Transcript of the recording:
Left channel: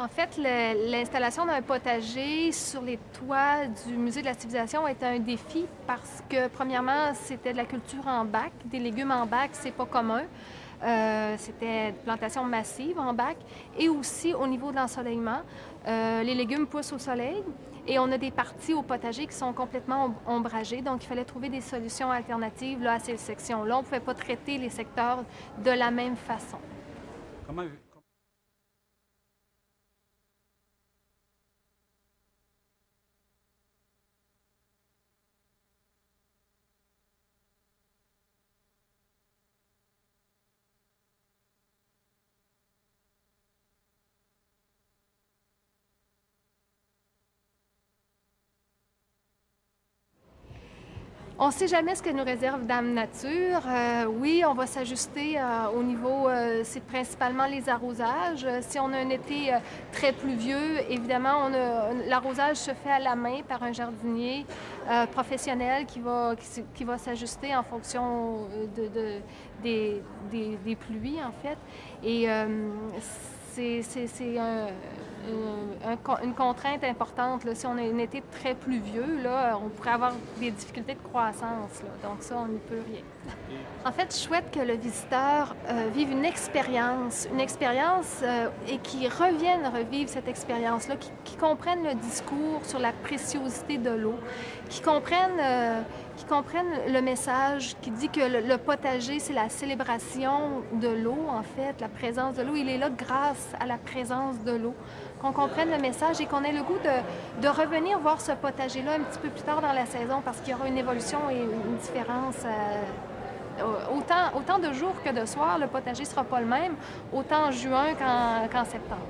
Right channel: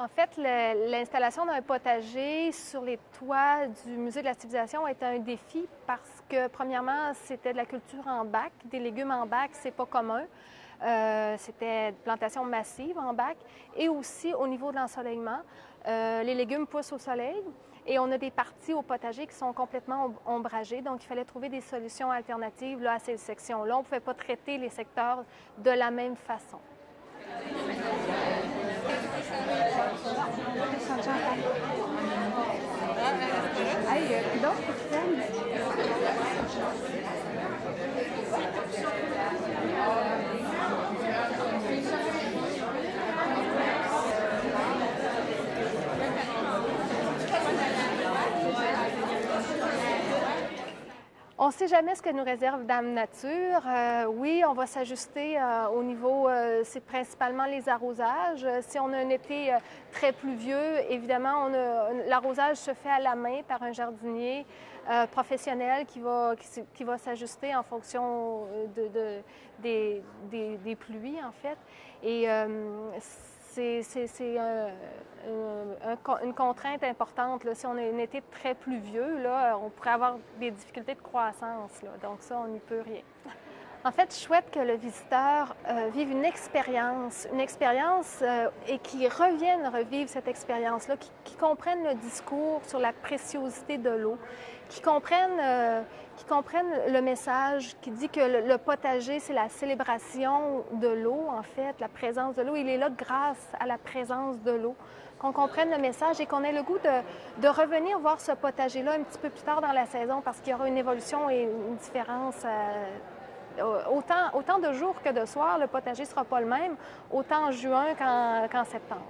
En fait, l'installation d'un potager sur les toits du Musée de la Civilisation est un défi parce que, premièrement, c'était de la culture en bac. Des légumes en bac, c'est pas commun. C'était de plantation massive en bac. Et aussi, au niveau de l'ensoleillement, les légumes poussent au soleil et on a des parties au potager qui sont complètement ombragées. Donc, il fallait trouver des solutions alternatives là, à ces sections-là. On ne pouvait pas traiter les secteurs de la même façon. On ne sait jamais ce que nous réserve Dame Nature. Oui, on va s'ajuster au niveau, c'est principalement les arrosages. Si on a un été très pluvieux, évidemment, l'arrosage se fait à la main par un jardinier professionnel qui va s'ajuster en fonction des pluies, en fait. Et c'est une contrainte importante. Là. Si on a un été très pluvieux, là, on pourrait avoir des difficultés de croissance. Là. Donc ça, on n'y peut rien. En fait, je souhaite que le visiteur vive une expérience et qu'il revienne revivre cette expérience-là, qu'il comprenne le discours sur la préciosité de l'eau, qu'il comprenne le message qui dit que le potager, c'est la célébration de l'eau, en fait, la présence de l'eau. Il est là grâce à la présence de l'eau. Qu'on comprenne le message et qu'on ait le goût de revenir voir ce potager-là un petit peu plus tard dans la saison parce qu'il y aura une évolution et une différence. Autant de jours que de soirs, le potager ne sera pas le même, autant en juin qu'en septembre.